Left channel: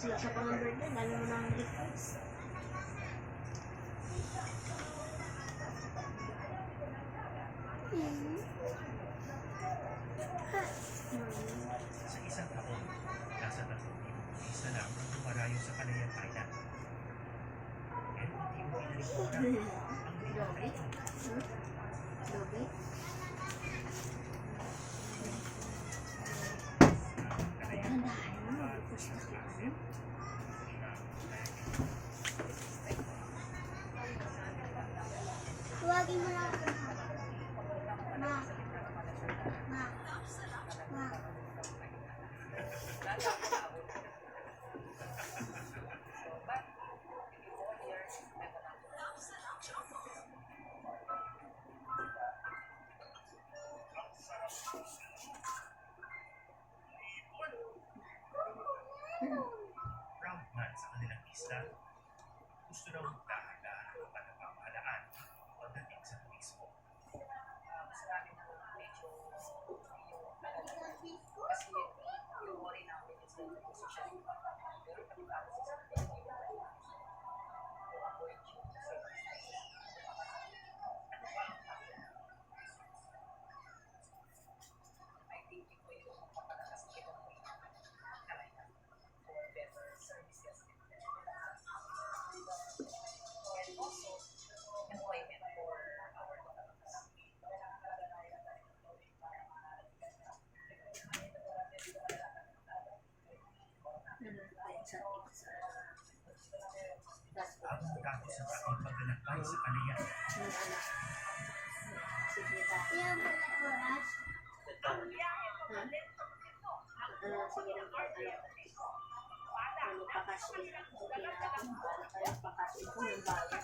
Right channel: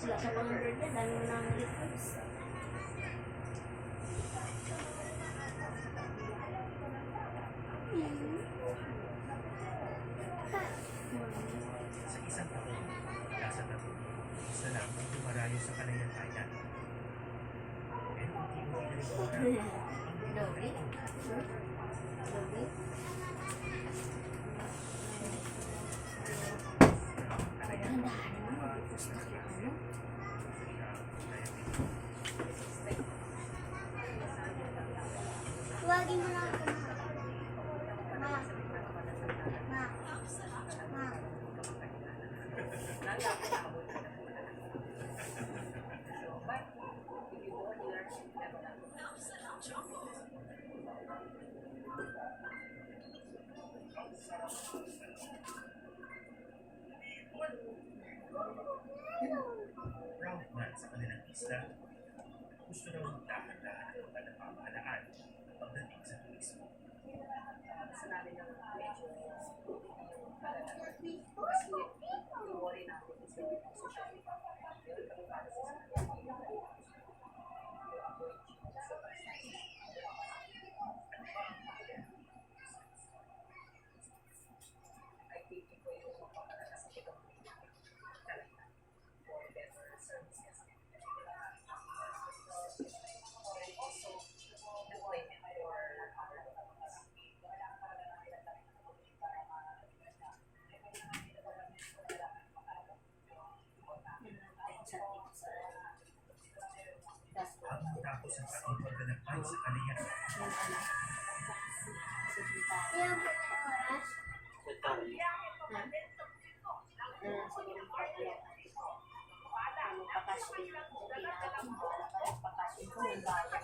Sila sa pang birthday, dami mo nang request. Sa isang taon, nasa 3,000 isa lang ang dumarayo sa Calayan Island. Pero unti-unti na rin wala ang biglang Dobe? Dobe? Calayan Ang dahil mo, request na kita mo. Huwagin mo lang. Ma. Ma. Ma. Proud man sa kanilang isla, gusto daw magdahan-dahan ang kapal na pamahalaan pagdating sa turismo. Gusto namin ng medyo yung alala. Kasi yung worry namin is the social media. Meron kami policies namin yung avoid yung circumstances. Ano ba ang factor? I think ito yung magpapalakas ng economy talaga for better services. And also, employment for our locals. Ang matapos ang aking paglalakbay sa Calayan, Ilang po na oras? Sige lang po, ano pakasin. Okay na ako, pakasin ko ng bayad.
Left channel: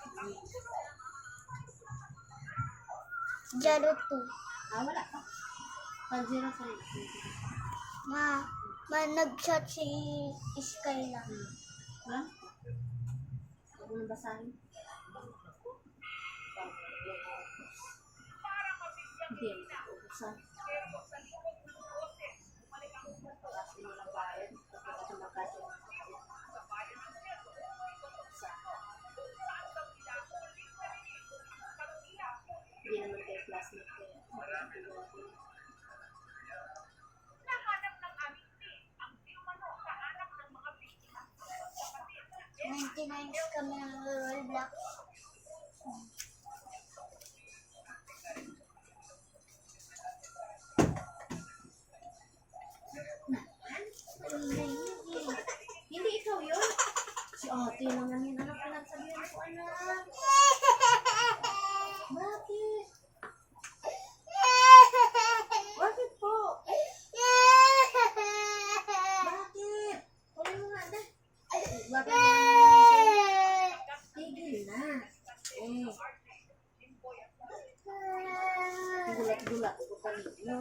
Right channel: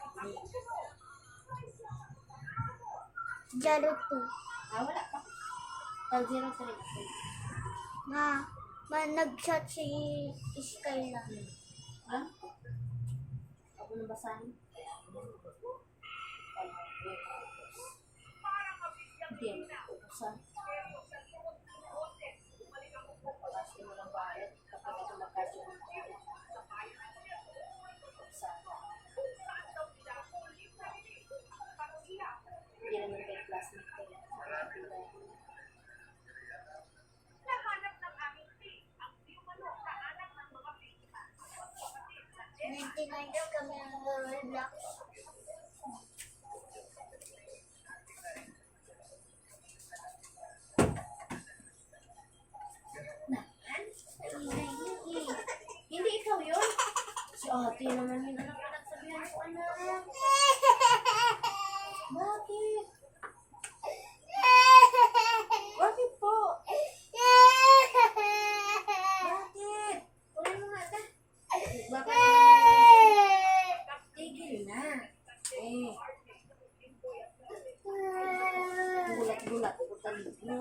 Jaro 2. Wala pa. Pag 0 pa rin ako. Ma, nag-shot si Skyla. Ha? Huwag mo nang basahin. Hindi, ubusan. Pakasin mo ng bayad. Kapag ito magkasin ng bayad. Hindi naman kayo classmate ko yan. Nahanap ng aming team ang Diumano sa anak ng mga biktima. Magkapatid na 99 kami ng Roblox. Hindi ikaw yun. Si ate naman yun. Anak, pinagsabihan ko, anak. Bakit? Bakit po? Bakit? Wala mo nga na. Bakit? Tigil na. Gulat-gulat ko talaga.